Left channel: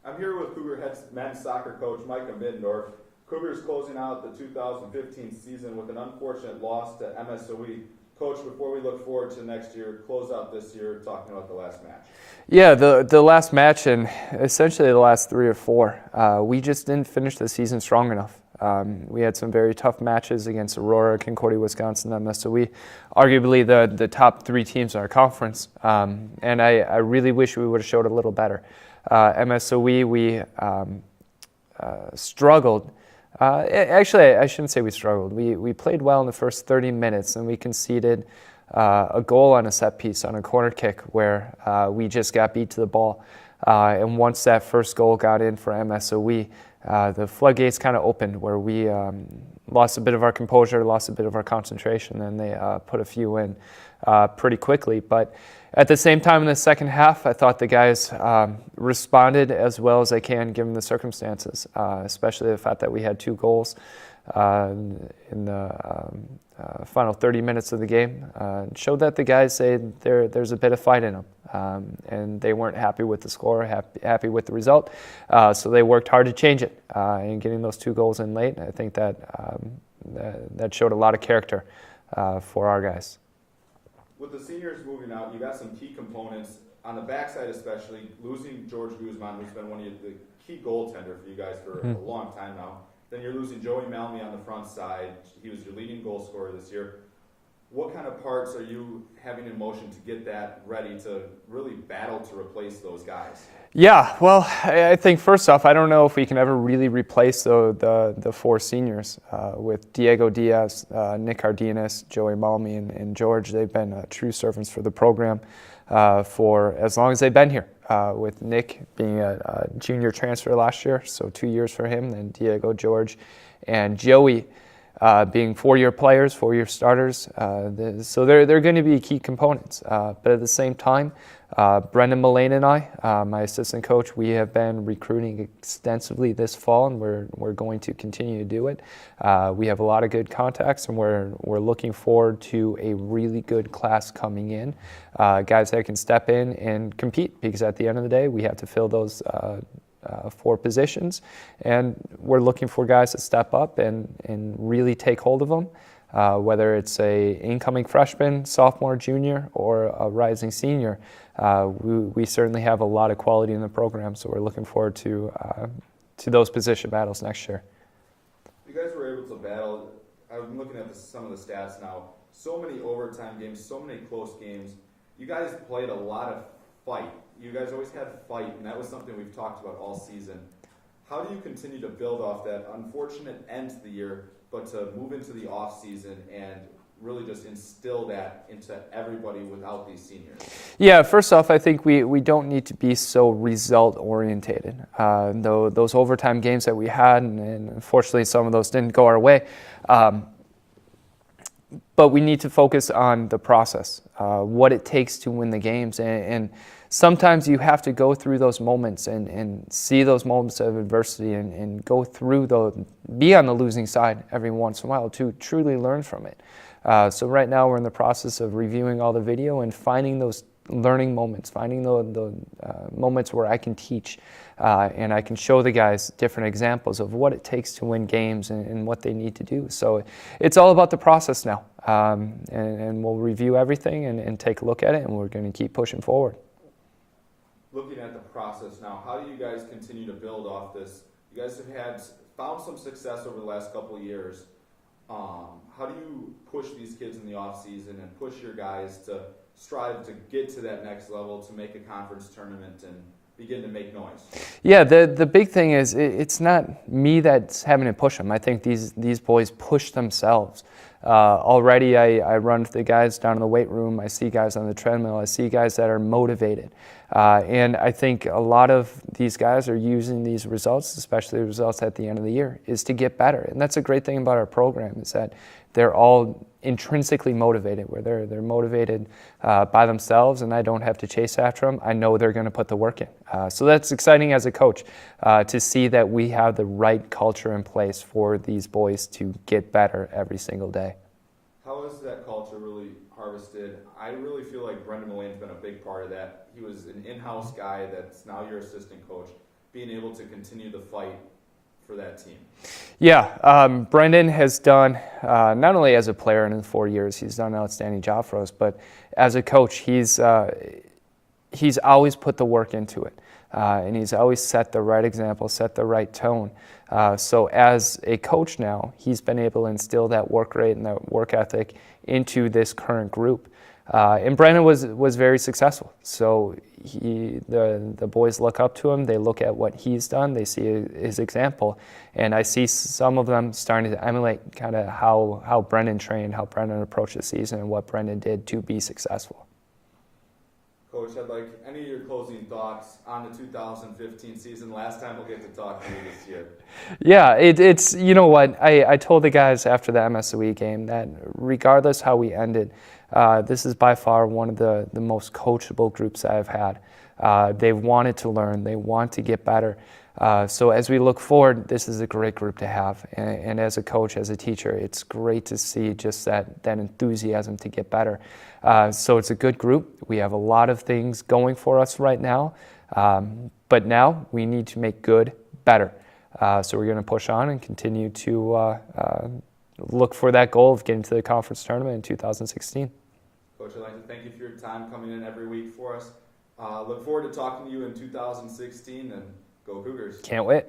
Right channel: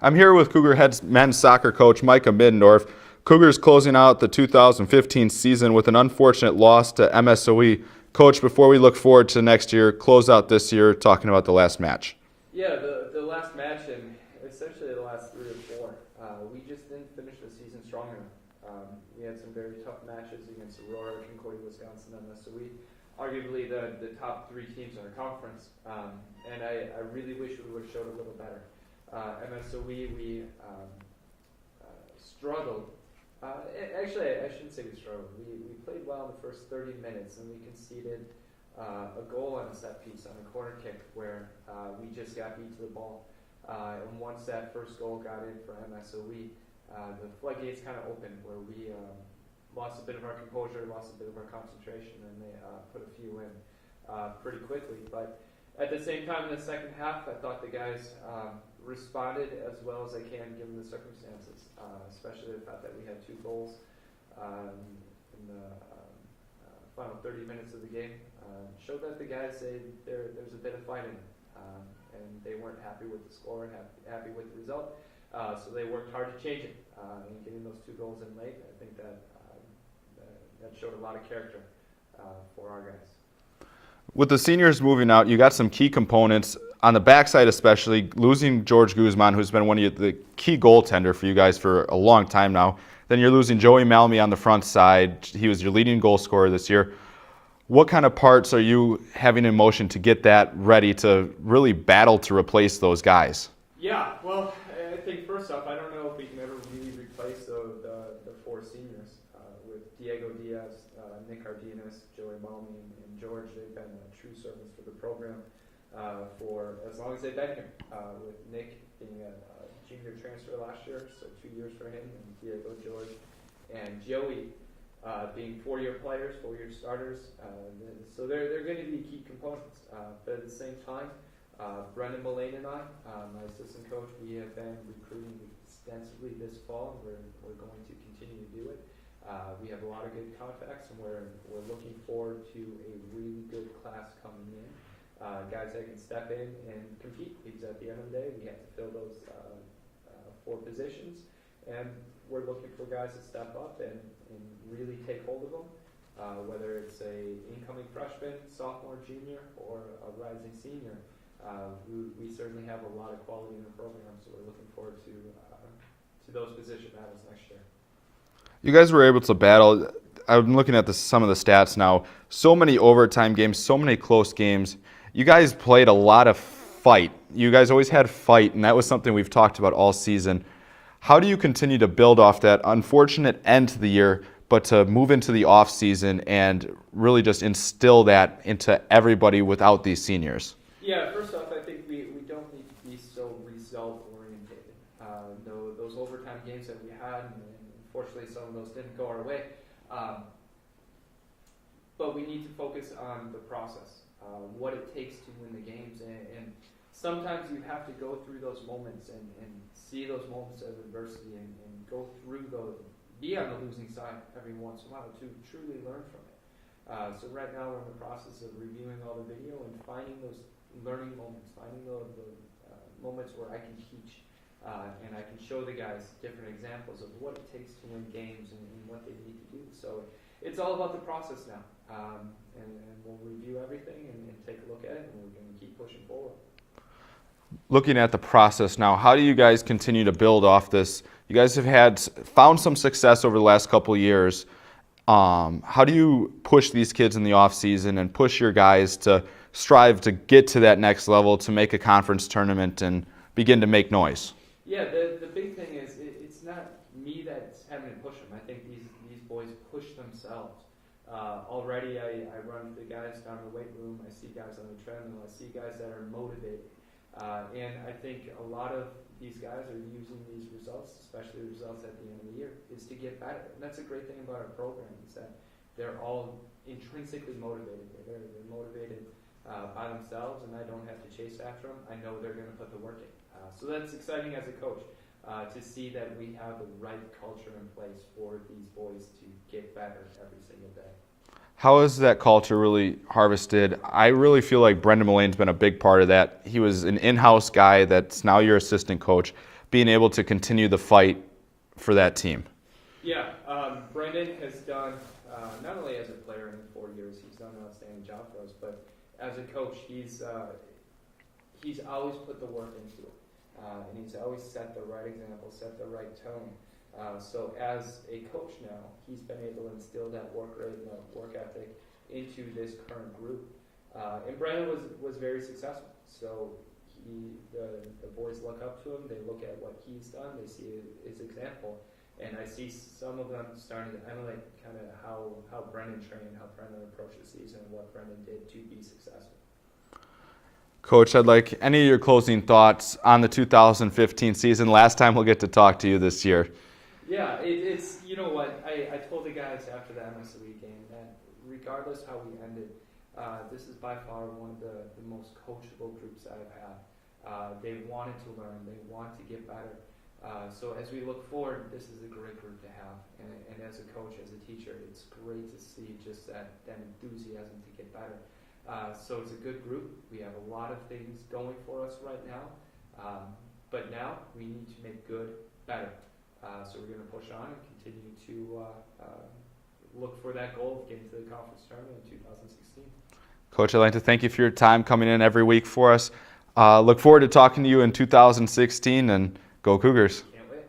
I'm here with Cougar head men's soccer coach Micah Middendorf. Cougars closing out the 2015 season with an unfortunate loss to MSOE. Coach, before we look forward to next year, close out this year talking about the last match. Yeah, the last match and essentially the last 3 or 4, we just didn't finish the season strong enough. We had some very tough matches against Aurora, Concordia, Wisconsin, MSOE, arguably the top 3 teams in our conference. And I really wish we would have showed a little better. MSOE, we struggled. Actually, I shouldn't say we struggled. We played well in the first 30 minutes, and we conceded a goal on a set piece on a corner kick where we just got beat to the ball. And once that first goal got in for MSOE, the floodgates kind of opened where we lost a bit of our composure, lost a bit of our concentration, and they put a few in pretty quickly. But at the same time, in the second half, I thought the guys responded as well as they can given the circumstances, especially the fact that we had 2 goals in the final 30 minutes of the game. Showed that the guys say there's a bit of fight in them, and they weren't happy with the score, happy with the result, so they worked hard to change it, and getting those 2 goals in late. I think that showed a lot of character for our guys. With the seniors moving out, you got some key components on the backside, especially losing George Guzman, who's been one of the key goaltender for you guys for a long time now. Then you're losing Joey Malmy on the front side. He was your leading goal scorer this year. What kind of parts are you having in motion to get that ready to really battle to replace those guys? Yeah, well, I think first off, I don't know if we can ever really replace the 4 seniors with Diego Diaz, Nick Cardenas, Joey Malmy, and George. They've been true servants for the program for as long as they've been here, with Nick being a junior transfer last year, so 2 years for him, then Diego, George, and Joey being 4-year players, 4-year starters. So they're going to be key components. But at the same time, Brendan Mullane and I, my assistant coach, we have been recruiting extensively this fall, and we're going to continue to do it. We have a lot of good contacts, and we're looking forward to a really good class coming in, guys that can step in and compete, because at the end of the day, we have to fill those 4 positions, and we're looking for guys to step up and really take hold of them. Whether it's a incoming freshman, sophomore, junior, or a rising senior, we certainly have a lot of quality in the program, so we're looking forward to those position battles next year. You guys were able to battle. I'm looking at some of the stats now. So many overtime games, so many close games. You guys played a lot of fight. You guys always had fight, and that was something we've talked about all season. How do you continue to build off that unfortunate end to the year, but to move into the offseason and really just instill that into everybody without these seniors? Yeah, first off, I think we don't need to be so result-orientated. Though those overtime games that we had, and unfortunately some of those didn't go our way, but we need to focus on the process, what it takes to win the games. And sometimes you have to go through those moments and see those moments of adversity and go through be on the losing side every once in a while to truly learn from it. So right now we're in the process of reviewing all the video and finding those learning moments, finding the moments where I can teach and I can show the guys different examples of what it takes to win games and what they need to do. So it's all about the process now, and we'll review everything and take a look at it, and we're going to keep pushing forward. Looking at the process now, how do you guys continue to build off this? You guys have found some success over the last couple of years. How do you push these kids in the off season and push your guys to strive to get to that next level, to make a conference tournament and begin to make noise? Yeah, the big thing is it's not me that's having to push them. I think these boys push themselves. Already I run the guys down in the weight room. I see guys on the treadmill. I see guys that are motivated. And I think a lot of these guys are using these results, especially the results at the end of the year, is to get better. And that's a great thing about our program, is that they're all intrinsically motivated, where they're motivated by themselves, and I don't have to chase after them. I know they're going to put the work in. So that's exciting as a coach to see that we have the right culture in place for these boys to get better every single day. How has that culture really harvested? I really feel like Brendan Mullane's been a big part of that. He was an in-house guy that's now your assistant coach, being able to continue the fight for that team. Yeah, Brendan has done, not only as a player in the 4 years, he's done an outstanding job for us, but as a coach, he's always put the work into it. And he's always set the right example, set the right tone. So as a coach now, he's been able to instill that work rate and that work ethic into this current group. And Brendan was very successful. So the boys look up to him. They look at what he's done. They see his example. And I see some of them starting to emulate kind of how Brendan trained, how Brendan approached the season, and what Brendan did to be successful. Coach, I'd like any of your closing thoughts on the 2015 season. Last time we'll get to talk to you this year. Yeah, it's, you know what, I told the guys after the MSOE game that regardless how we ended, this is by far one of the most coachable groups I've had. They wanted to learn. They want to get better. So as we look forward, this is a great group to have. And as a coach, as a teacher, it's great to see just that enthusiasm to get better. So it's a good group. We have a lot of things going for us right now. But now we need to make good better. So we're going to push on and continue to look for that goal of getting to the conference tournament in 2016. Coach, I'd like to thank you for your time coming in every week for us. Look forward to talking to you in 2016, and go Cougars. Can't wait.